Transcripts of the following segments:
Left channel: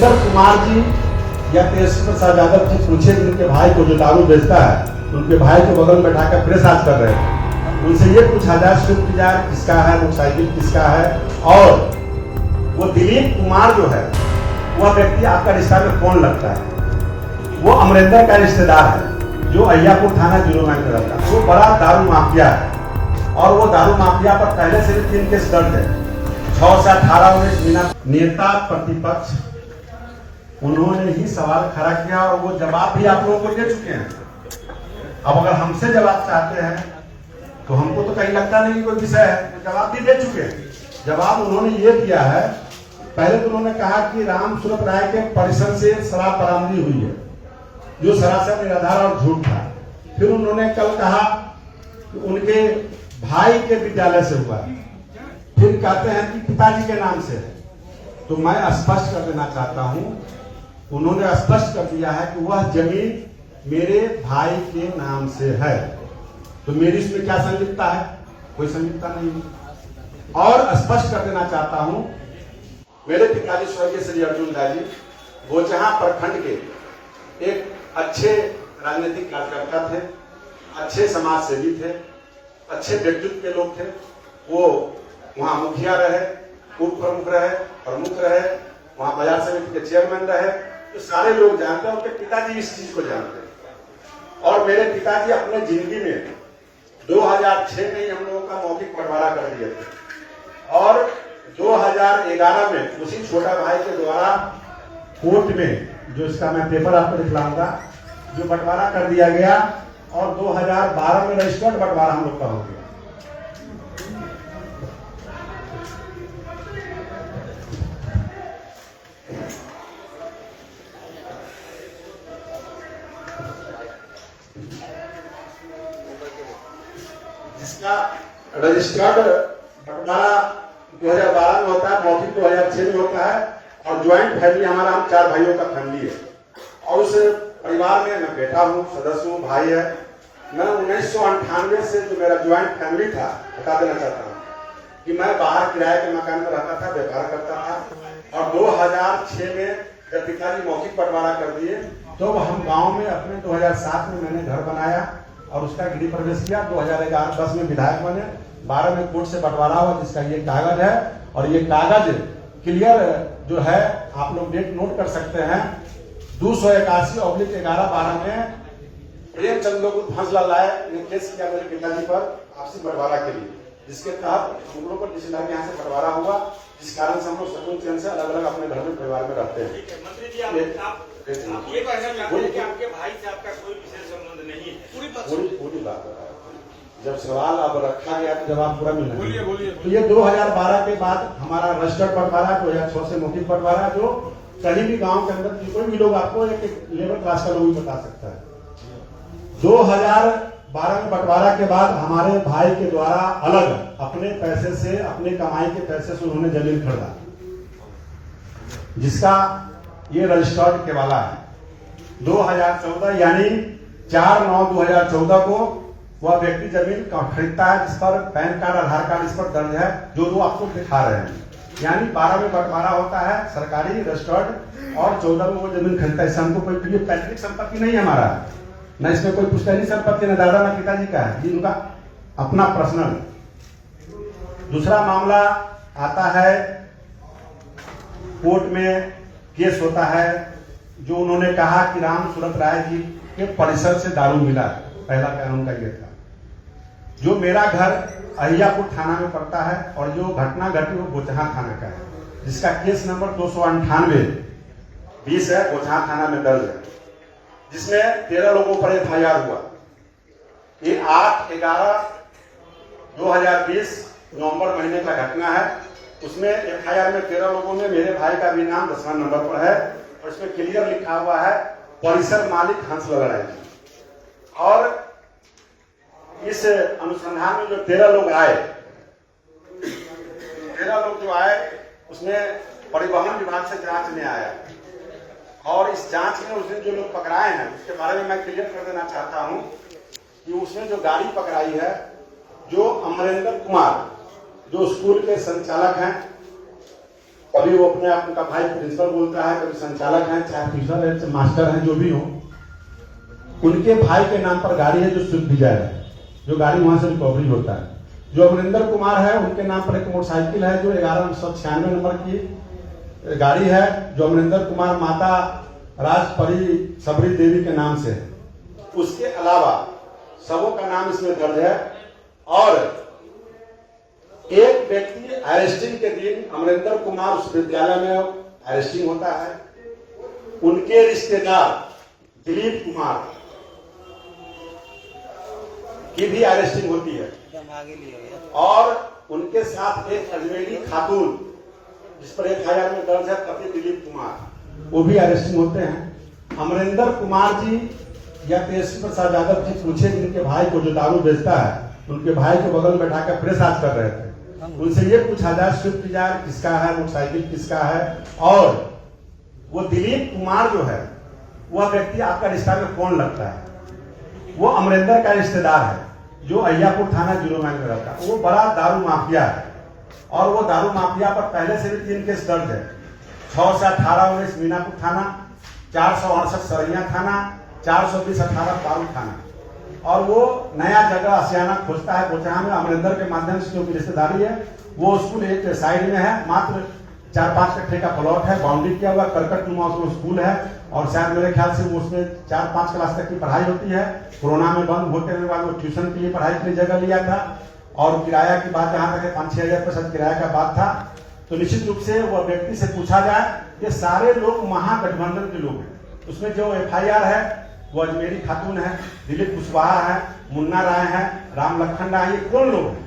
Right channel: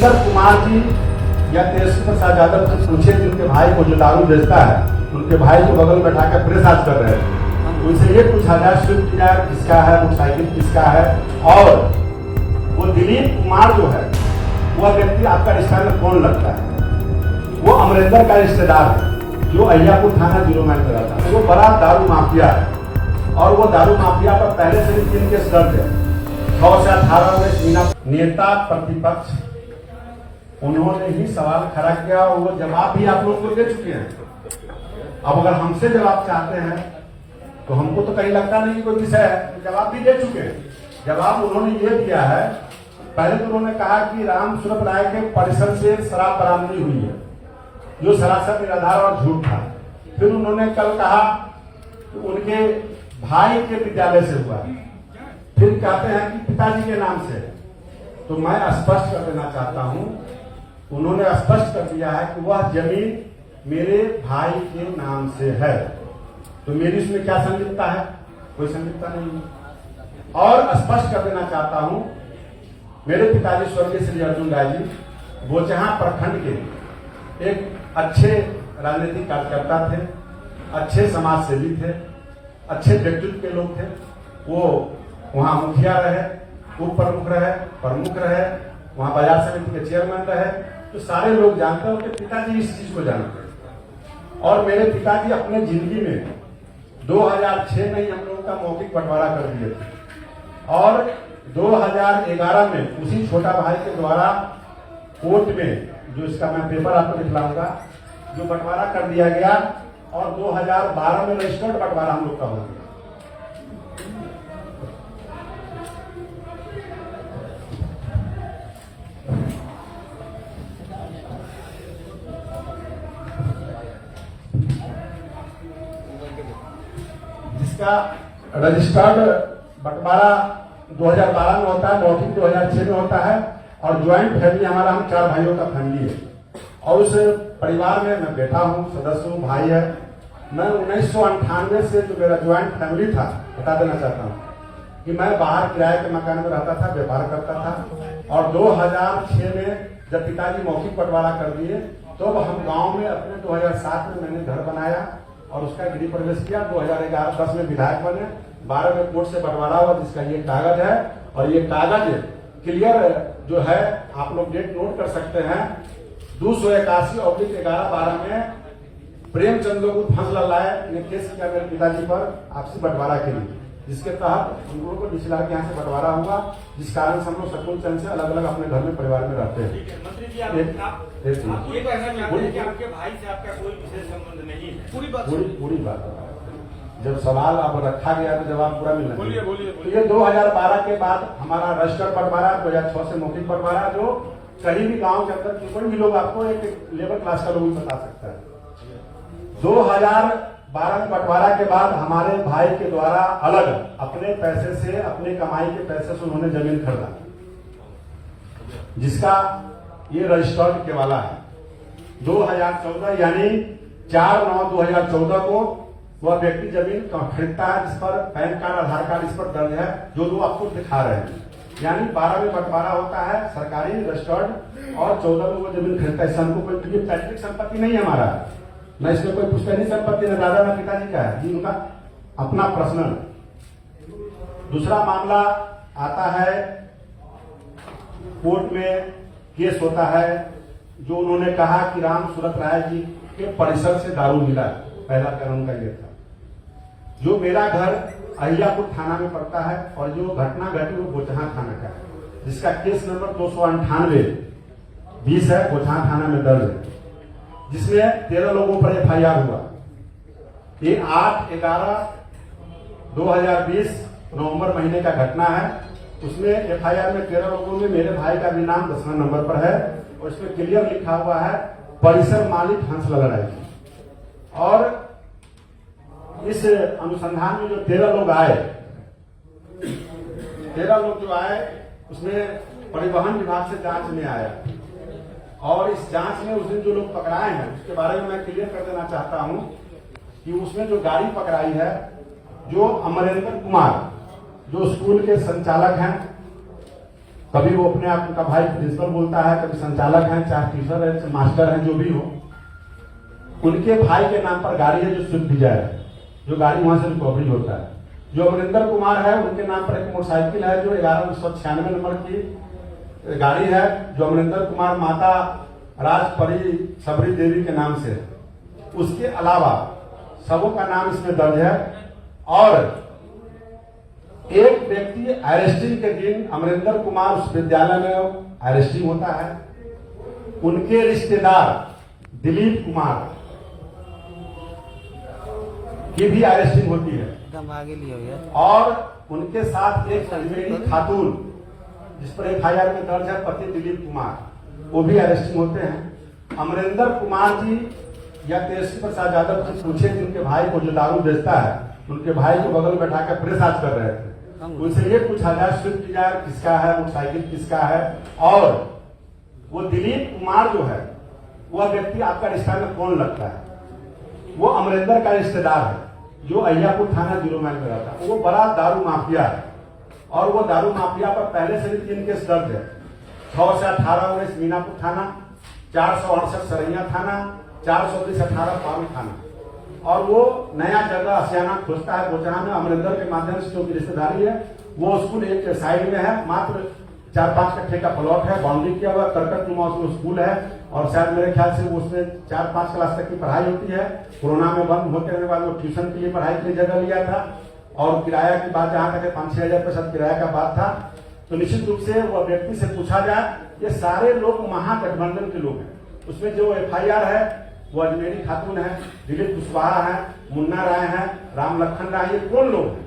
अमरेंद्र कुमार जी या तेजस्वी प्रसाद यादव से पूछे कि उनके भाई को जो दारू बेचता है, उनके भाई को बगल में बैठाकर प्रेस आज कर रहे हैं, उनसे ये पूछा जाए स्विफ्ट डिजायर किसका है, मोटरसाइकिल किसका है, और वो दिलीप कुमार जो है वह व्यक्ति आपका रिश्ता में कौन लगता है? वो अमरेंद्र का रिश्तेदार है जो अहियापुर थाना 0 में रहता है। वो बड़ा दारू माफिया है और वो दारू माफिया पर पहले से भी 3 केस दर्ज है। 6 से 18 मिनट नेता प्रतिपक्ष उन्होंने ही सवाल खड़ा किया और वो जवाब भी आप लोगों को दे चुके हैं। अब अगर हमसे जवाब चाहते हैं तो हमको तो कहीं लगता नहीं कि कोई विषय है, तो जवाब भी दे चुके हैं। जवाब उन्होंने ये दिया है, पहले तो उन्होंने कहा कि राम सूरत राय के परिसर से शराब बरामदी हुई है, जो सरासर निराधार और झूठ था। फिर उन्होंने कल कहा कि उनके भाई के विद्यालय से हुआ, फिर कहते हैं कि पिताजी के नाम से। तो मैं स्पष्ट कर देना चाहता हूं, उन्होंने स्पष्ट कर दिया है कि वह जमीन मेरे भाई के नाम से है, तो मेरी इसमें क्या संलिप्तता है? कोई संलिप्तता नहीं। और स्पष्ट कर देना चाहता हूं, मेरे पिताजी स्वर्गीय श्री अर्जुन राय जी बोचहां प्रखंड के एक अच्छे राजनीतिक कार्यकर्ता थे, अच्छे समाज सेवी थे, अच्छे व्यक्तित्व के लोग थे। वो वहां मुखिया रहे, उप प्रमुख रहे, प्रमुख रहे, वहां बाजार समिति के चेयरमैन रहे, तो सारे लोग जानते हैं। उनके पिताजी इस चीज को जानते हैं। और मेरे पिताजी अपने जिंदगी में 2006 में ही हम लोगों का मौखिक बंटवारा कर दिए थे और 2011 में उसी छोटा भाई के द्वारा कोर्ट में, जो इसका मैं पेपर आपको दिखलाऊंगा, जो बंटवारा कर दिया गया और 2012 में रजिस्टर्ड बंटवारा हम लोग का हो गया। जिसका रजिस्टर्ड बंटवारा 2012 में होता है, मौखिक 2006 में होता है, और ज्वाइंट फैमिली हमारा, हम 4 भाइयों का फैमिली है। और उस परिवार में मैं बेटा हूँ, सदस्य हूँ, भाई है। मैं 1998 से जो मेरा ज्वाइंट फैमिली था, बता देना चाहता हूँ कि मैं बाहर किराए के मकान में रहता था, व्यापार करता था। और 2006 में जब पिताजी मौखिक बंटवारा कर दिए तो हम गांव में अपने 2007 में मैंने घर बनाया और उसका गृह प्रवेश किया। 2011-10 में विधायक बने, 12 में कोर्ट से बंटवारा हुआ, जिसका ये कागज है। और ये कागज क्लियर जो है, आप लोग डेट नोट कर सकते हैं, 281/11-12 में प्रेमचंद लोग फैसला लाया, ने केस किया मेरे पिताजी पर आपसी बंटवारा के लिए, जिसके तहत हम लोगों को डीसीएल के यहाँ से बंटवारा हुआ, जिस कारण से हम लोग सकून चैन से अलग अलग अपने घर में परिवार में रहते हैं। मंत्री जी, आप पूरी बात कि आपके भाई से आपका कोई विशेष संबंध नहीं है, पूरी बात जब सवाल अब रखा गया तो जवाब पूरा मिलना। बोलिए। तो ये 2012 के बाद हमारा रजिस्टर्ड बंटवारा, 2006 से मौखिक बंटवारा, जो कहीं भी गांव के अंदर कोई भी लोग आपको एक लेबर क्लास का लोग भी बता सकता है। 2012 में बंटवारा के बाद हमारे भाई के द्वारा अलग अपने पैसे से, अपने कमाई के पैसे से उन्होंने जमीन खरीदा, जिसका ये रजिस्टर्ड के वाला है। 2014 यानी 4/9/2014 को वह व्यक्ति जमीन खरीदता है, जिस पर पैन कार्ड, आधार कार्ड इस पर दर्ज है, जो आपको दिखा रहे हैं। यानी 12 में बंटवारा होता है सरकारी रजिस्टर्ड और 14 में वो जमीन खरीदता है। इससे हमको कोई पैतृक संपत्ति नहीं है हमारा, न इसमें कोई पुश्तैनी संपत्ति, न दादा न पिताजी का है, ये उनका अपना पर्सनल। दूसरा मामला आता है, कोर्ट में केस होता है, जो उन्होंने कहा कि राम सूरत राय जी के परिसर से दारू मिला। पहला कानून का ये था। जो मेरा घर अहियापुर थाना में पड़ता है और जो घटना घटी वो बोचहां थाना का है, जिसका केस नंबर 298/20 है, बोचहां थाना में दर्ज है, जिसमें 13 लोगों पर FIR हुआ। ये 8/11/2020 नवंबर महीने का घटना है। उसमें FIR में 13 लोगों में मेरे भाई का भी नाम 10वां नंबर पर है और इसमें क्लियर लिखा हुआ है परिसर मालिक हंसलाल राय जी। और इस अनुसंधान में जो 13 लोग आए, 13 लोग जो आए, उसमें परिवहन विभाग से जांच में आया और इस जांच में उसने जो लोग पकड़ाए हैं उसके बारे में मैं क्लियर कर देना चाहता हूं कि उसने जो गाड़ी पकड़ाई है, जो अमरेंद्र कुमार जो स्कूल के संचालक हैं, कभी वो अपने आप उनका भाई प्रिंसिपल बोलता है, कभी संचालक है, चाहे टीचर है, चाहे मास्टर है, जो भी हो, उनके भाई के नाम पर गाड़ी है जो स्विफ्ट डिजायर है, जो गाड़ी वहां से रिकवरी होता है। जो अमरिंदर कुमार है उनके नाम पर एक मोटरसाइकिल है जो 1196 नंबर की गाड़ी है, जो अमरिंदर कुमार माता राजपरी सबरी देवी के नाम से है। उसके अलावा सबों का नाम इसमें दर्ज है। और एक व्यक्ति अरेस्टिंग के दिन अमरिंदर कुमार उस विद्यालय में अरेस्टिंग होता है, उनके रिश्तेदार दिलीप कुमार की भी अरेस्टिंग होती है। और उनके साथ एक अजमेरी खातून जिस पर FIR में दर्ज है पति दिलीप कुमार, वो भी अरेस्टिंग होते हैं। अमरिंदर कुमार जी या तेजस्वी प्रसाद यादव जी पूछे कि उनके भाई को जो दारू बेचता है, उनके भाई को बगल में बैठाकर प्रेसआज कर रहे थे, उनसे ये पूछा जाए स्विफ्ट डिजायर किसका है, मोटरसाइकिल किसका है, और वो दिलीप कुमार जो है वह व्यक्ति आपका रिश्ता में कौन लगता है? वो अमरिंदर का रिश्तेदार है जो अय्यापुर थाना 0 माइल में रहता है। वो बड़ा दारू माफिया है और वो दारू माफिया पर पहले से भी 3 केस दर्ज है। 6 से 18 19 मीनापुर थाना, 468 सरैया थाना, 420 18 पाल थाना। और वो नया जगह आसियाना खोजता है गोचाहा में। अमरिंदर के माध्यम से जो रिश्तेदारी है, वो स्कूल एक साइड में है, मात्र 4-5 कट्ठे का प्लॉट है, बाउंड्री किया हुआ, करकट नुमा उसमें स्कूल है। और शायद मेरे ख्याल से वो उसमें 4-5 क्लास तक की पढ़ाई होती है। कोरोना में बंद होते के बाद वो ट्यूशन के लिए पढ़ाई के लिए जगह लिया था। और किराया की बात जहां तक 5-6 हजार रुपये किराया का बात था। तो निश्चित रूप से वह व्यक्ति से पूछा जाए, ये सारे लोग महागठबंधन के लोग हैं। उसमें जो FIR है वो अजमेरी खातून है, दिलीप कुशवाहा है, मुन्ना राय है, राम लखन राय, ये कौन लोग हैं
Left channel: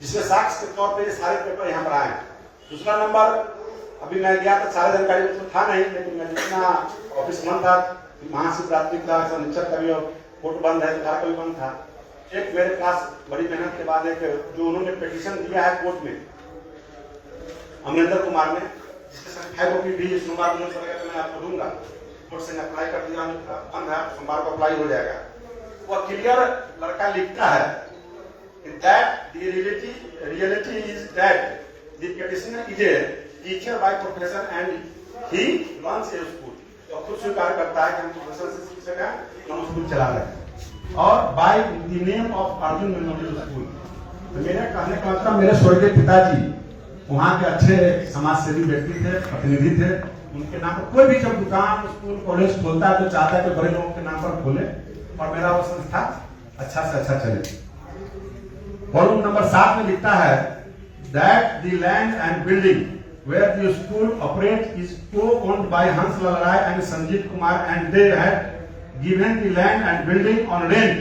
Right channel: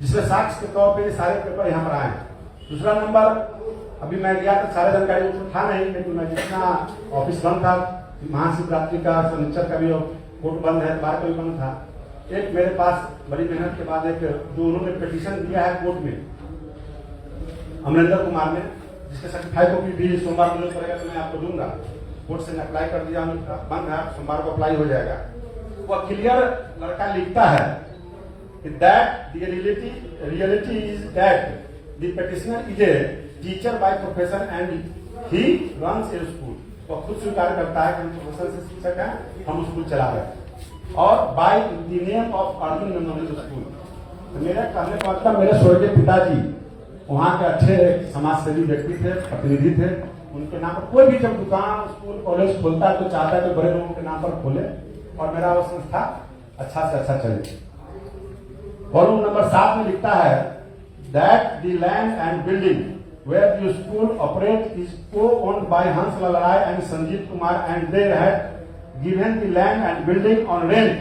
जिसमें साक्ष्य के तौर पे ये सारे पेपर यहाँ पर आए। दूसरा नंबर, अभी मैं गया तो सारे जानकारी उसमें था नहीं, लेकिन मैं जितना ऑफिस बंद था, महाशिवरात्रि का, शनिचर का भी कोर्ट बंद है, बार का भी बंद था। एक मेरे पास बड़ी मेहनत के बाद एक जो उन्होंने पिटीशन दिया है कोर्ट में अमरिंदर कुमार ने, जिसके सर्टिफाइड कॉपी भी सोमवार को पड़ेगा तो मैं आपको दूंगा। कोर्ट से अप्लाई कर दिया, बंद है, सोमवार को अप्लाई हो जाएगा। वह क्लियर लड़का लिखता है that the reality is that the petitioner is a teacher by profession and he runs a school। तो खुद स्वीकार करता है कि हम प्रोफेशन से शिक्षक हैं, हम स्कूल चला रहे हैं, और by the name of Arjun memorial school. तो मेरे कहने का मतलब, मेरे स्वर्गीय पिताजी वहाँ के अच्छे समाज सेवी व्यक्ति थे, प्रतिनिधि थे। उनके नाम पर कोई भी जब दुकान, स्कूल, कॉलेज खोलता है तो चाहता है कि बड़े लोगों के नाम पर खोले और मेरा वो संस्था अच्छा से अच्छा चले। वॉल्यूम नंबर 7 में लिखता है that the land and building where the school operates is co-owned by Hanslal Rai and Sanjeev Kumar, and they had given the land and building on rent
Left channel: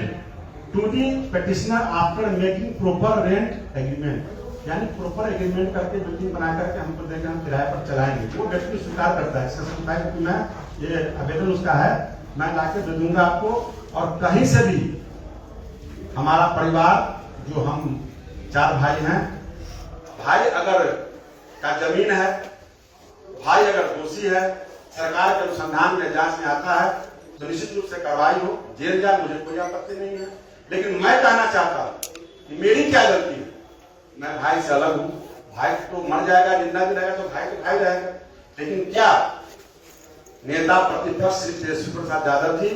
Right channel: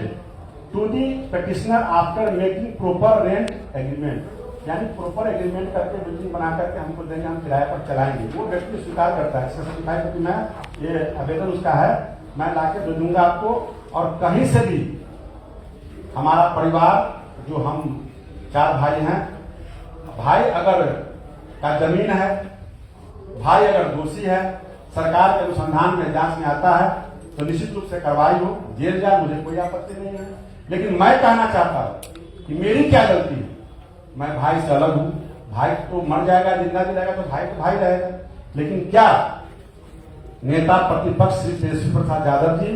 to the petitioner after making proper rent agreement। यानी proper agreement करके building बना करके हमको देंगे, हम किराए पर चलाएंगे। वो व्यक्ति स्वीकार करता है। क्योंकि मैं ये आवेदन उसका है, मैं लाके दे दूंगा आपको। और कहीं से भी हमारा परिवार, जो हम 4 भाई हैं, भाई अगर का जमीन है, भाई अगर दोषी है, सरकार के अनुसंधान में जांच में आता है तो निश्चित रूप से कार्रवाई हो, जेल जाए, मुझे कोई आपत्ति नहीं है। लेकिन मैं कहना चाहता हूं कि मेरी क्या गलती है? मैं भाई से अलग हूं। भाई तो मर जाएगा, जिंदा भी रहेगा तो भाई तो भाई रहेगा। लेकिन क्या नेता प्रतिपक्ष श्री तेजस्वी प्रसाद यादव जी,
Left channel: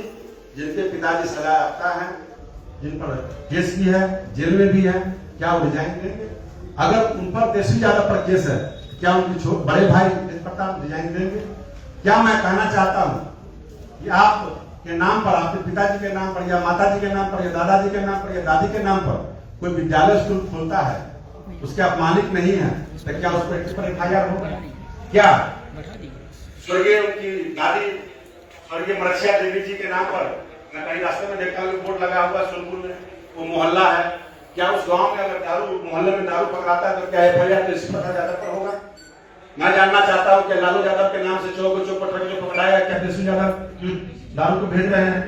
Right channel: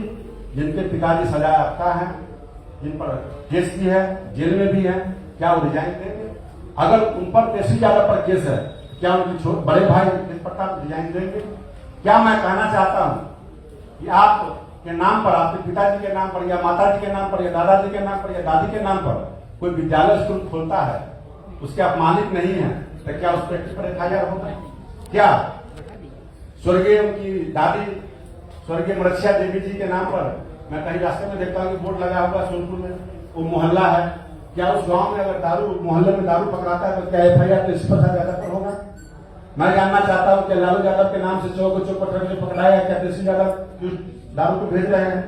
जिनके पिताजी सजा याफ्ता है, जिन पर केस भी है, जेल में भी है, क्या वो रिजाइन देंगे? अगर उन पर तेजस्वी यादव पर केस है, क्या उनके बड़े भाई तेज प्रताप रिजाइन देंगे? क्या मैं कहना चाहता हूं कि आप के नाम पर, आपके पिताजी के नाम पर या माताजी के नाम पर या दादाजी के नाम पर या दादी के नाम पर कोई विद्यालय स्कूल खोलता है, उसके आप मालिक नहीं है, तो क्या उस व्यक्ति पर FIR होगा? क्या स्वर्गीय उनकी दादी स्वर्गीय मरसिया देवी जी के नाम पर, मैं कहीं रास्ते में देखता हूँ बोर्ड लगा हुआ सोनपुर में, वो मोहल्ला है, क्या उस गांव में अगर दारू, मोहल्ले में दारू पकड़ाता है तो क्या FIR तेजस्वी प्रसाद यादव पर होगा? मैं जानना चाहता हूँ कि लालू यादव के नाम से चौक पर जो पकड़ाया, क्या तेजस्वी यादव दारू को भेज रहे हैं?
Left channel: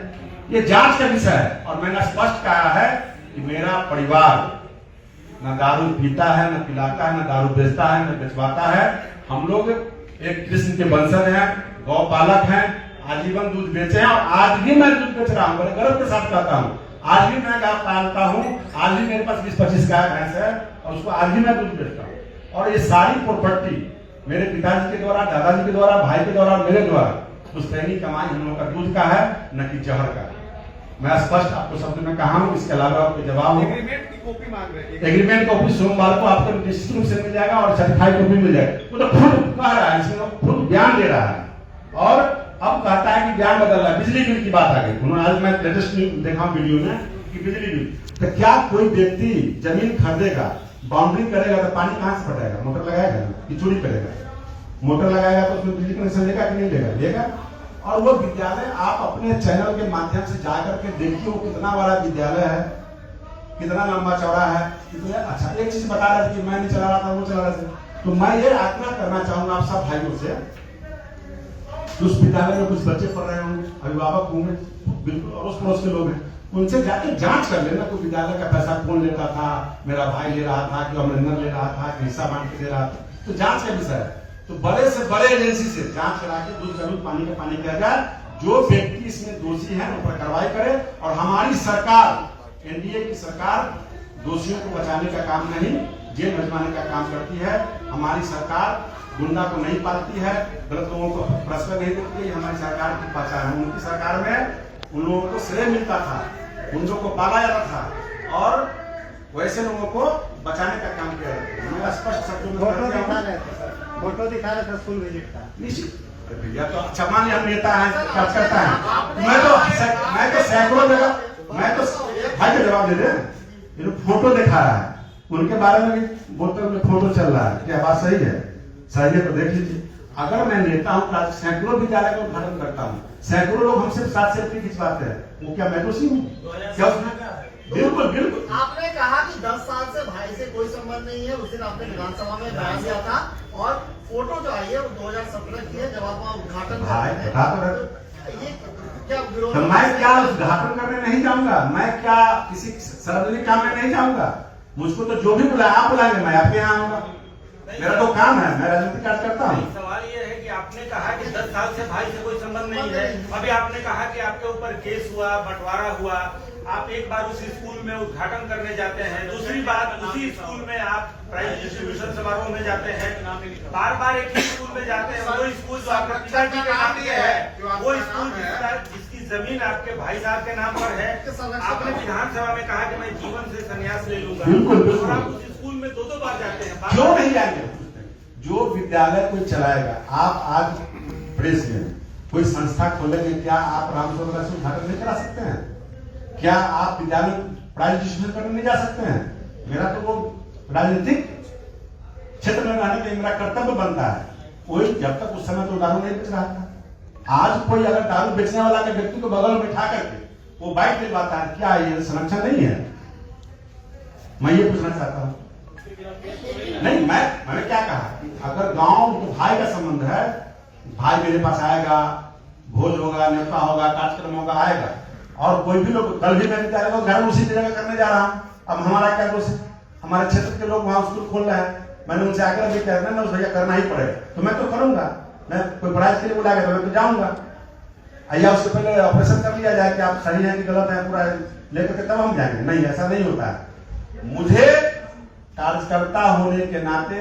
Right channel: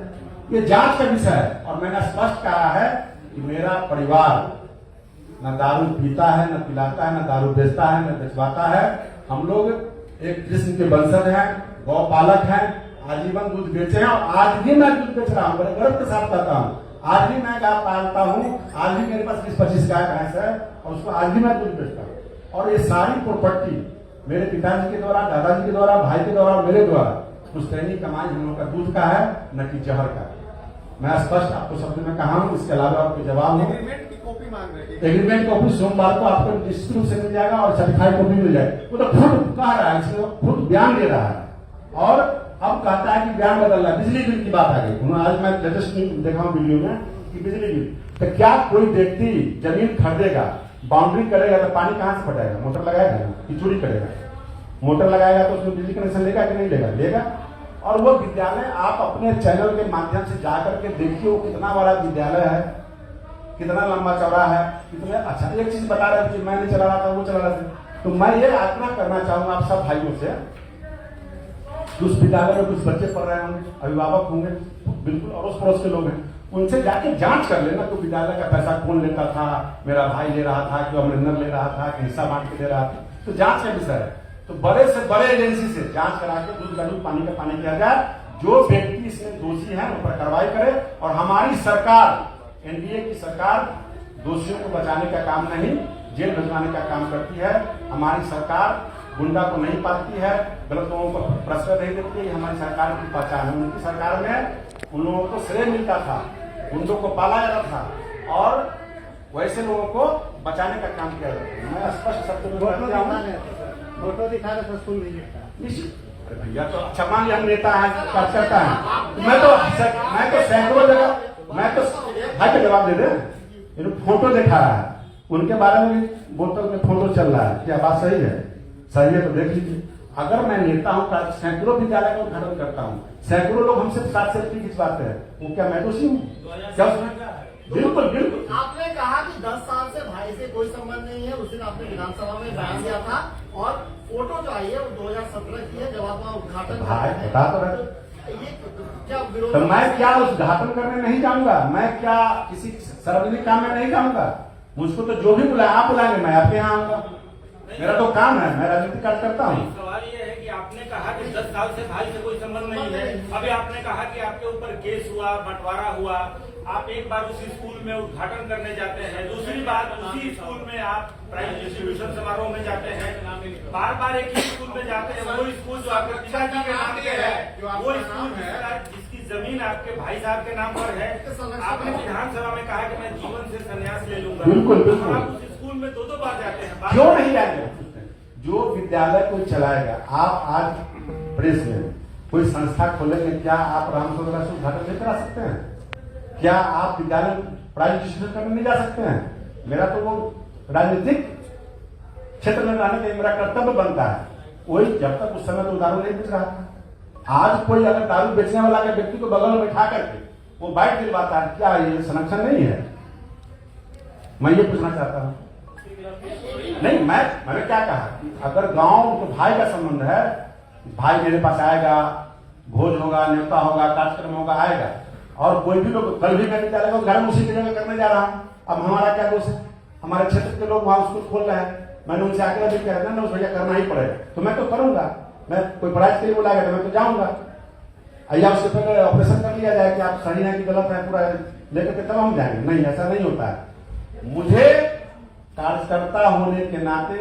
ये जांच का विषय है। और मैंने स्पष्ट कहा है कि मेरा परिवार न दारू पीता है, न पिलाता है, न दारू बेचता है, न बेचवाता है। हम लोग एक कृष्ण के वंशज हैं, गौपालक हैं, आजीवन दूध बेचे हैं, और आज भी मैं दूध बेच रहा हूँ, बड़े गर्व के साथ कहता हूँ। आज भी मैं गाय पालता हूँ, आज भी मेरे पास 20-25 गाय भैंस है, और उसको आज भी मैं दूध बेचता हूँ। और ये सारी प्रॉपर्टी मेरे पिताजी के द्वारा, दादाजी के द्वारा, भाई के द्वारा, मेरे द्वारा पुश्तैनी कमाई हम लोगों का दूध का है, न कि जहर का। मैं स्पष्ट आपको शब्द में कहा हूँ, इसके अलावा आपको जवाब हो। एग्रीमेंट की कॉपी मांग रहे हैं। एग्रीमेंट कॉपी सोमवार को आपको निश्चित रूप से मिल जाएगा और सर्टिफाइड कॉपी मिल जाएगा। वो तो खुद कह रहा है, इसमें खुद बयान दे रहा है और अब कहता है कि बयान बदल रहा है। बिजली बिल की बात आ गई। उन्होंने आज मैं लेटेस्ट देखा हूं वीडियो में कि बिजली बिल, तो क्या कोई व्यक्ति जमीन खरीदेगा, बाउंड्री करेगा तो पानी कहां से पटाएगा? मोटर लगाएगा कि चोरी करेगा? मोटर लगाएगा तो उसमें बिजली कनेक्शन लेगा कि नहीं लेगा? लेगा। और वो विद्यालय आप अपने चैनल के माध्यम से जाकर के देखिए, वो कितना बड़ा विद्यालय है, कितना लंबा चौड़ा है, कितना अच्छा। एक चीज बता रहे थे कि मैं नहीं चला रहा था, वो चला रहा था। तो मैं ये आग्रह करना चाहूंगा आप सब भाइयों से, उस विद्यालय में कुछ बच्चे पढ़ रहे होंगे, अभिभावक होंगे, बिल्कुल अड़ोस पड़ोस के लोग हैं, उनसे जाके जांच कर लेना तो विद्यालय का पैसा कौन लेता था, मेरा भाई ले रहा था कि अमरिंदर ले रहा था कि हिस्सा बांट के ले रहा था। तो जांच का विषय है, तो बड़े से बड़े एजेंसी से जांच करा के दूध का दूध पानी का पानी किया जाए। जो व्यक्ति इसमें दोषी है उन पर कार्रवाई करे। और हमारी सरकार, एनडीए की सरकार दोषियों को बचाने का काम नहीं, जेल भिजवाने का काम करती है। हमारी सरकार गुंडा को नहीं पालती है, गलत लोगों को प्रश्रय नहीं देती है। हमारी सरकार की पहचान है। उनकी सरकार में उन लोगों को श्रेय मिलता था, गुंडों को पाला जाता था और वैसे लोगों को बचाने का काम किया जाता है। मैं स्पष्ट शब्दों में फोटो दिखा रहे थे स्कूल विजिट का। निश्चित भैया तो अच्छा मान लिया नेता है, क्या करता है। मैं तो सैकड़ों जगह, मैं तो भाई को जवाब दे दे, फोटो दिखा रहा है, उनके बारे में भी बोतल में फोटो चल रहा है। क्या बात सही है? सही है तो देख लीजिए। अगर मैं नेता हूँ, सैकड़ों विद्यालय का उद्घाटन करता हूँ, सैकड़ों लोग हमसे साथ सेल्फी खिंचवाते हैं, वो क्या मैं दोषी हूँ? क्या? बिल्कुल बिल्कुल। आपने कहा कि 10 साल से भाई से कोई संबंध नहीं है। उस दिन आपने विधानसभा में बयान दिया था और फोटो जो आई है वो 2017 की है, जब आप उद्घाटन बता तो रहे। ये क्या विरोध? तो मैं क्या उद्घाटन करने नहीं जाऊंगा? मैं क्या किसी सार्वजनिक काम में नहीं जाऊंगा? मुझको तो जो भी बुलाए आप बुलाएंगे, मैं आपके यहाँ आऊंगा। मेरा तो काम है, मैं राजनीतिक कार्य करता हूँ। सवाल ये है कि आपने कहा कि 10 साल से भाई से कोई संबंध नहीं है। अभी आपने कहा कि आपके ऊपर केस हुआ, बंटवारा हुआ, आप एक बार उसी स्कूल में उद्घाटन करने जाते हैं, दूसरी बार उसी स्कूल में आप प्राइज डिस्ट्रीब्यूशन समारोह में जाते हैं, बार बार एक ही स्कूल में जाते हैं। वो स्कूल जो आपके पिताजी के नाम पे है, वो स्कूल जिसकी जमीन आपके भाई साहब के नाम पर है, आपने विधानसभा में कहा कि मैं जीवन से संन्यास ले लूंगा। और आप उस स्कूल में 2-2 बार जाते हैं। क्यों नहीं जाएंगे? जो विद्यालय को चलाएगा, आप आज प्रेस में कोई संस्था खोलेंगे, क्या आप रामचंद्र से उद्घाटन नहीं करा सकते हैं? क्या आप विद्यालय प्राइज डिस्ट्रीब्यूशन करने नहीं जा सकते हैं? मेरा तो वो राजनीतिक क्षेत्र में रहने का मेरा कर्तव्य बनता है। वही जब तक उस समय तो दारू नहीं बेच रहा था। आज कोई अगर दारू बेचने वाला के व्यक्ति को बगल में बैठा करके वो बाइक दिलवाता है, क्या ये संरक्षण नहीं है? मैं ये पूछना चाहता हूँ। नहीं, मैंने क्या कहा कि अगर गांव तो भाई का संबंध है, भाई मेरे पास आएगा, भोज होगा, न्योता होगा, कार्यक्रम होगा, आएगा। और कोई भी लोग, कल भी मैं विद्यालय को घर उसी जगह करने जा रहा हूँ। अब हमारा क्या दोष है? हमारे क्षेत्र के लोग वहां स्कूल खोल रहे हैं, मैंने उनसे आग्रह भी किया ना, भैया करना ही पड़ेगा, तो मैं तो करूंगा। मैं कोई प्राइज के लिए बुलाएगा तो मैं तो जाऊंगा। या उससे पहले ऑपरेशन कर लिया जाए कि आप सही है कि गलत है, पूरा लेकर के तब हम जाएंगे। नहीं, ऐसा नहीं होता है। मुझे कार्यकर्ता होने के नाते,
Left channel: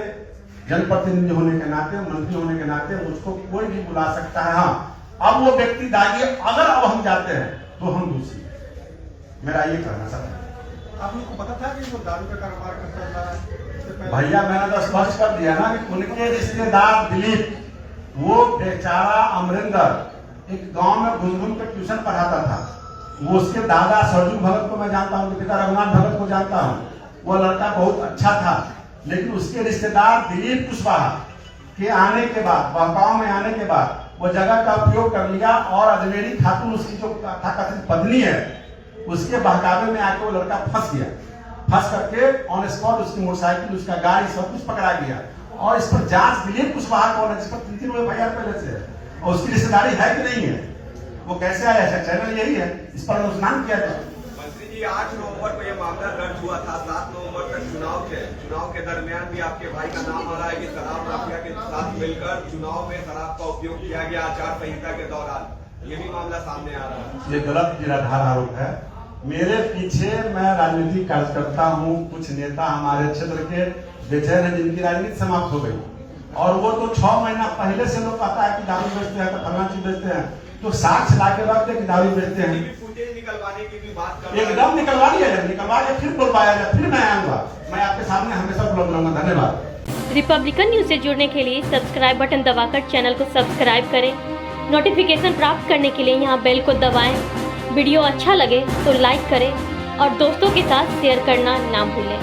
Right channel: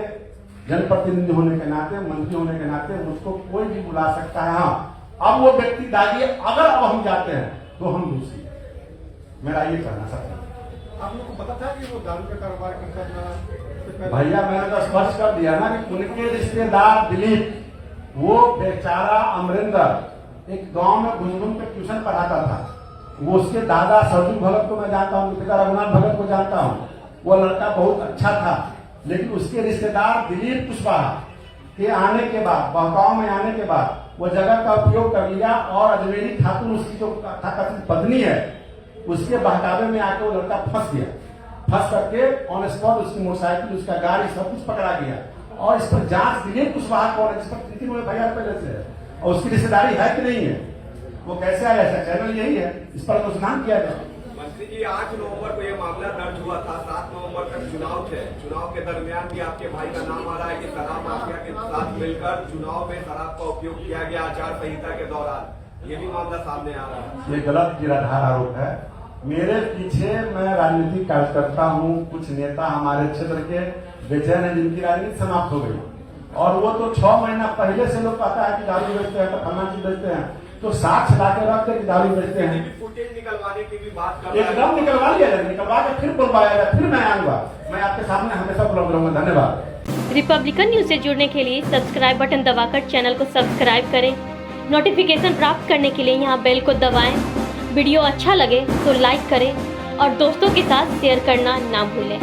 जनप्रतिनिधि होने के नाते, मंत्री होने के नाते मुझको कोई भी बुला सकता है। हाँ, अब वो व्यक्ति दागी, अगर अब हम जाते हैं तो हम दोषी। मेरा ये कहना सर। आप लोग को पता था कि वो दारू का कारोबार करता था? भैया मैंने तो स्पष्ट कर दिया ना कि उनके रिश्तेदार दिलीप, वो बेचारा अमरिंदर एक गांव में घूम कर ट्यूशन पढ़ाता था। वो उसके दादा सरजू भगत को मैं जानता हूँ, पिता रघुनाथ भगत को जानता हूँ। वो लड़का बहुत अच्छा था, लेकिन उसके रिश्तेदार दिलीप कुशवाहा के आने के बाद, वह गांव में आने के बाद वो जगह का उपयोग कर लिया और अजमेरी खातून उसकी जो कथित पत्नी है, उसके बहकावे में आके वो लड़का फंस गया। फंस करके ऑन स्पॉट उसकी मोटरसाइकिल, उसका गाड़ी, सब कुछ पकड़ा गया। और इस पर जांच दिलीप कुशवाहा कौन है, जिस पर 3 एफआईआर पहले से है, और उसकी रिश्तेदारी है कि नहीं है, वो कैसे आया? चैनल यही है, इस पर अनुसंधान किया जाए। मंत्री जी, 8 नवंबर को ये मामला दर्ज हुआ था। 7 नवंबर तक चुनाव थे। चुनाव के दरमियान भी आपके भाई का नाम आ रहा है कि शराब माफिया के साथ मिलकर चुनाव में शराब का उपयोग किया गया आचार संहिता के दौरान। ये भी मामला सामने आ रहा है। ये गलत निराधार आरोप है। मेरे पीछे मैं राजनीतिक कार्यकर्ता हूँ, कुछ नेता हमारे क्षेत्र के बेचैन हैं जिनकी राजनीति समाप्त हो गई। और वो तो 6 महीना पहले से लोग कहता है कि दारू बेचते हैं, तो फलाना चीज बेचते हैं, तो साक्ष्य ला के रखते कि दारू बेचते हैं। फुटेज निकलवाने की भी बात कर रहे हैं। एकदम निकलवा लिया जाए, निकलवा के फिर बुलवाया जाए, फिर मैं आऊंगा, मैं आपके सामने हमेशा उपलब्ध रहूंगा। धन्यवाद। रिपब्लिकन न्यूज से जुड़ने के लिए सब्सक्राइब बटन दबाकर चैनल को सब्सक्राइब करें। नोटिफिकेशन प्राप्त करने के लिए यहाँ बेल को दबाएं। वीडियो अच्छा लगे तो लाइक करें और दोस्तों के साथ शेयर करना ना भूलें।